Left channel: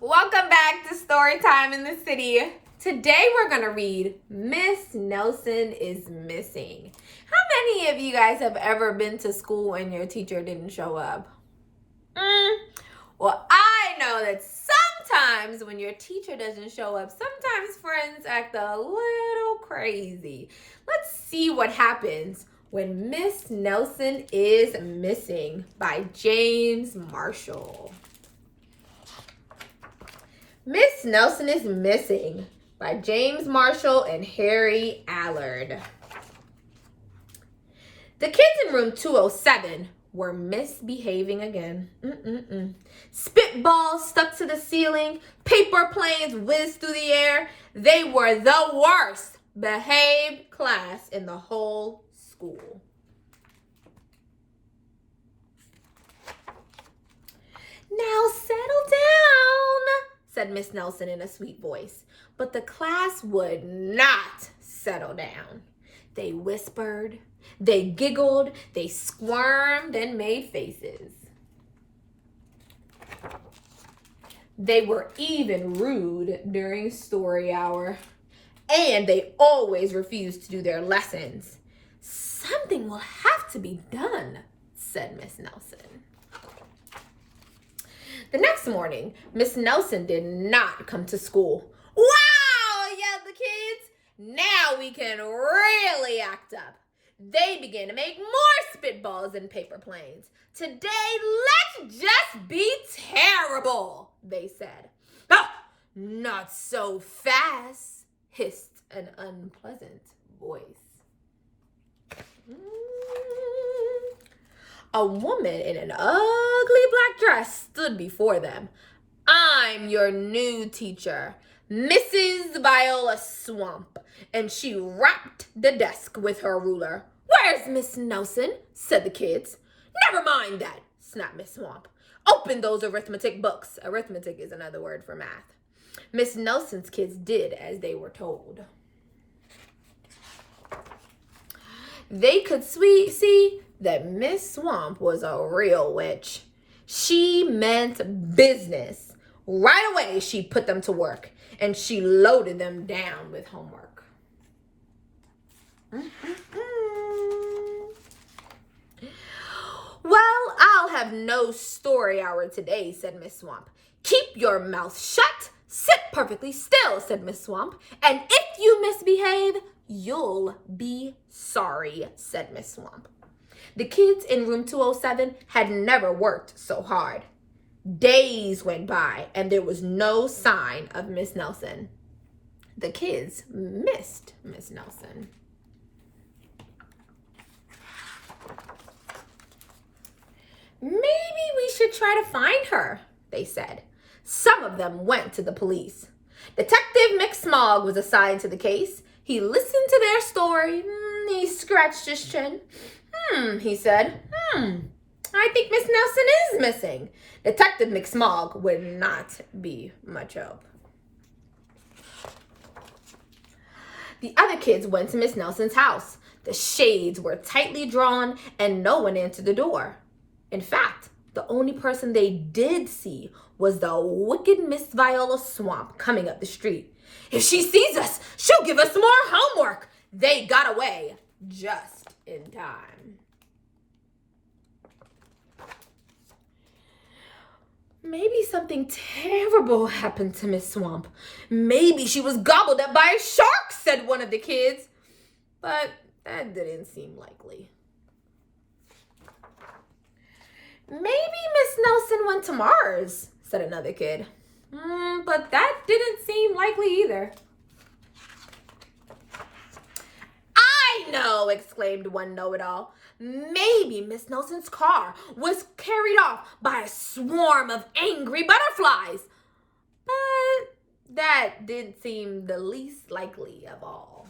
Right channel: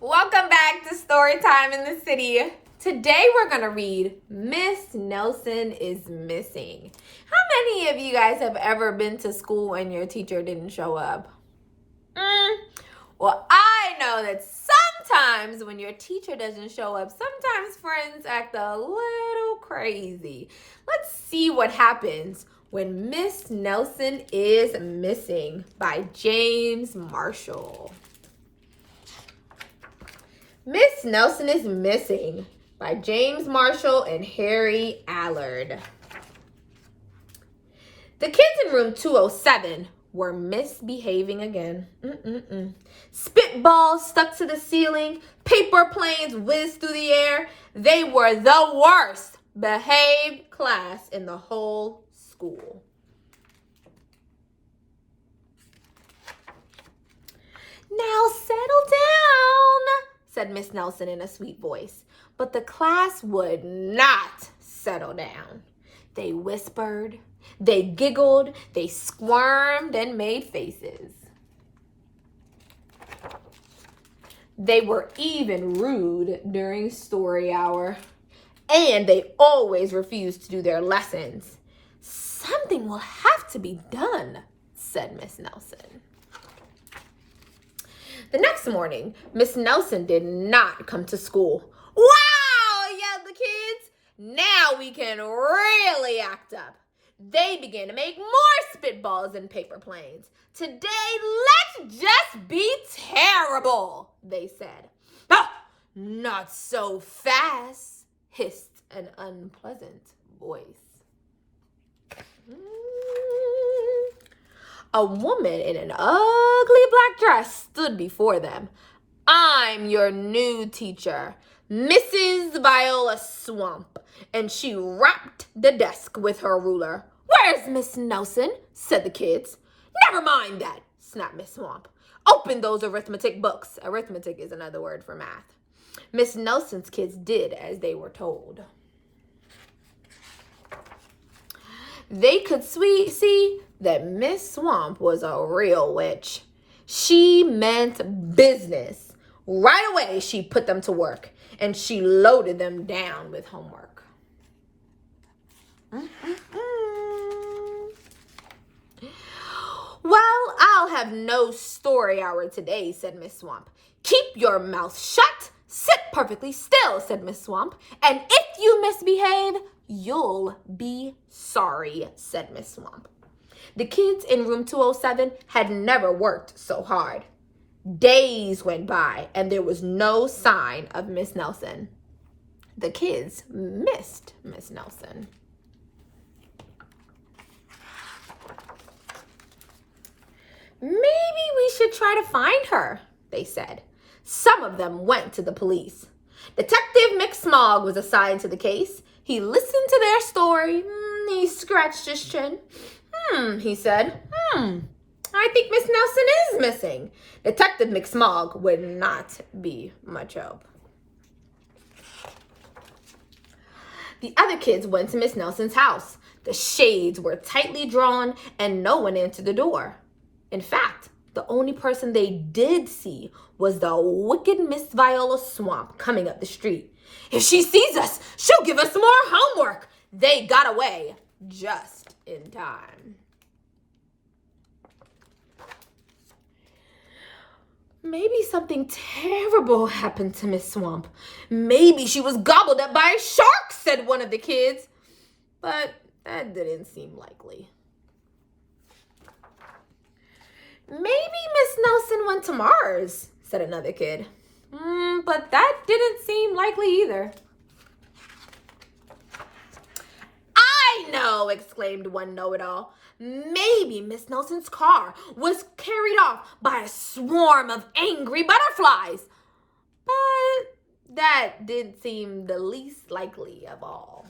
Welcome back to Story Time in the City. Today we're going to read Miss Nelson is Missing. How many of you guys have ever been to school and your teacher didn't show up? Well, I know that sometimes when your teacher doesn't show up, sometimes friends act a little crazy. Let's see what happens when Miss Nelson is Missing by James Marshall. Miss Nelson is Missing by James Marshall and Harry Allard. The kids in room 207 were misbehaving again. Spitballs stuck to the ceiling, paper planes whizzed through the air. They were the worst behaved class in the whole school. Now settle down, said Miss Nelson in a sweet voice. But the class would not settle down. They whispered, they giggled, they squirmed and made faces. They were even rude during story hour. And they always refused to do their lessons. Something will have to be done, said Miss Nelson. The next morning, Miss Nelson did not come to school. Wow, yelled the kids. Now we can really act up. They began to make more spitballs and paper planes. Today, let's just be terrible, they said. Ah, not so fast, hissed an unpleasant voice. A woman in an ugly black dress stood before them. I'm your new teacher, Mrs. Viola Swamp, and she rapped the desk with her ruler. Where's Miss Nelson? Said the kids. Never mind that, snapped Miss Swamp. Open those arithmetic books. Arithmetic is another word for math. Miss Nelson's kids did as they were told. They could see that Miss Swamp was a real witch. She meant business. Right away, she put them to work, and she loaded them down with homework. Well, I'll have no story hour today, said Miss Swamp. Keep your mouth shut. Sit perfectly still, said Miss Swamp. And if you misbehave, you'll be sorry, said Miss Swamp. The kids in room 207 had never worked so hard. Days went by and there was no sign of Miss Nelson. The kids missed Miss Nelson. Maybe we should try to find her, they said. Some of them went to the police. Detective McSmog was assigned to the case. He listened to their story. He scratched his chin. He said, I think Miss Nelson is missing. Detective McSmog would not be much help. The other kids went to Miss Nelson's house. The shades were tightly drawn and no one answered the door. In fact, the only person they did see was the wicked Miss Viola Swamp coming up the street. If she sees us, she'll give us more homework. They got away just in time. Maybe something terrible happened to Miss Swamp. Maybe she was gobbled up by a shark, said one of the kids. But that didn't seem likely. Maybe Miss Nelson went to Mars, said another kid. But that didn't seem likely either. I know, exclaimed one know-it-all. Maybe Miss Nelson's car was carried off by a swarm of angry butterflies. But that didn't seem the least likely of all.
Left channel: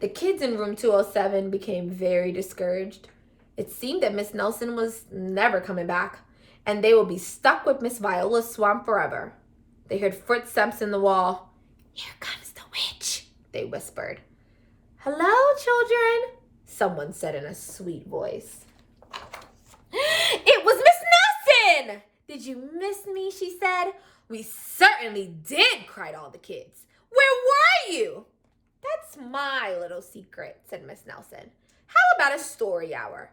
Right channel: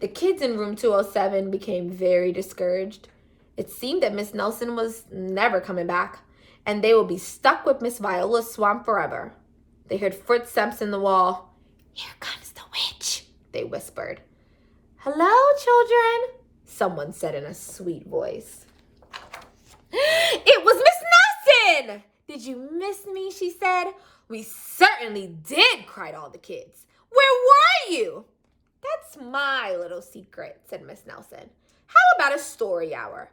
The kids in room 207 became very discouraged. It seemed that Miss Nelson was never coming back, and they would be stuck with Miss Viola's Swamp forever. They heard footsteps in the wall. Here comes the witch, they whispered. Hello, children, someone said in a sweet voice. It was Miss Nelson! Did you miss me? She said. We certainly did, cried all the kids. Where were you? That's my little secret, said Miss Nelson. How about a story hour?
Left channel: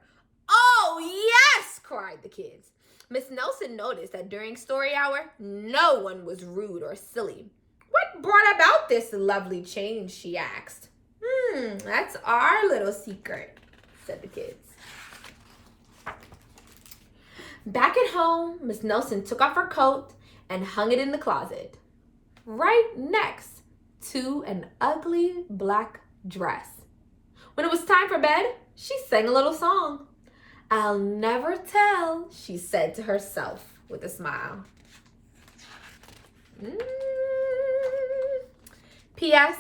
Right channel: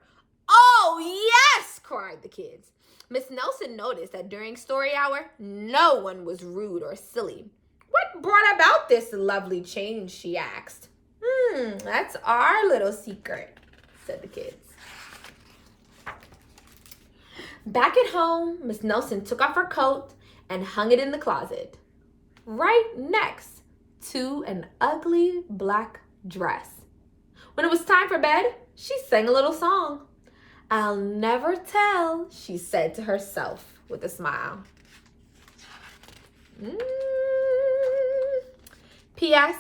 Oh, yes, cried the kids. Miss Nelson noticed that during story hour, no one was rude or silly. What brought about this lovely change, she asked. That's our little secret, said the kids. Back at home, Miss Nelson took off her coat and hung it in the closet, right next to an ugly black dress. When it was time for bed, she sang a little song. I'll never tell, she said to herself with a smile. P.S.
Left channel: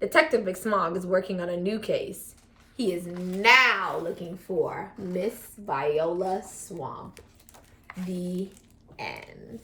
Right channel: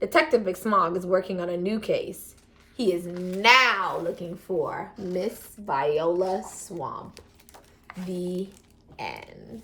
Detective McSmog is working on a new case. He is now looking for Miss Viola Swamp. The end.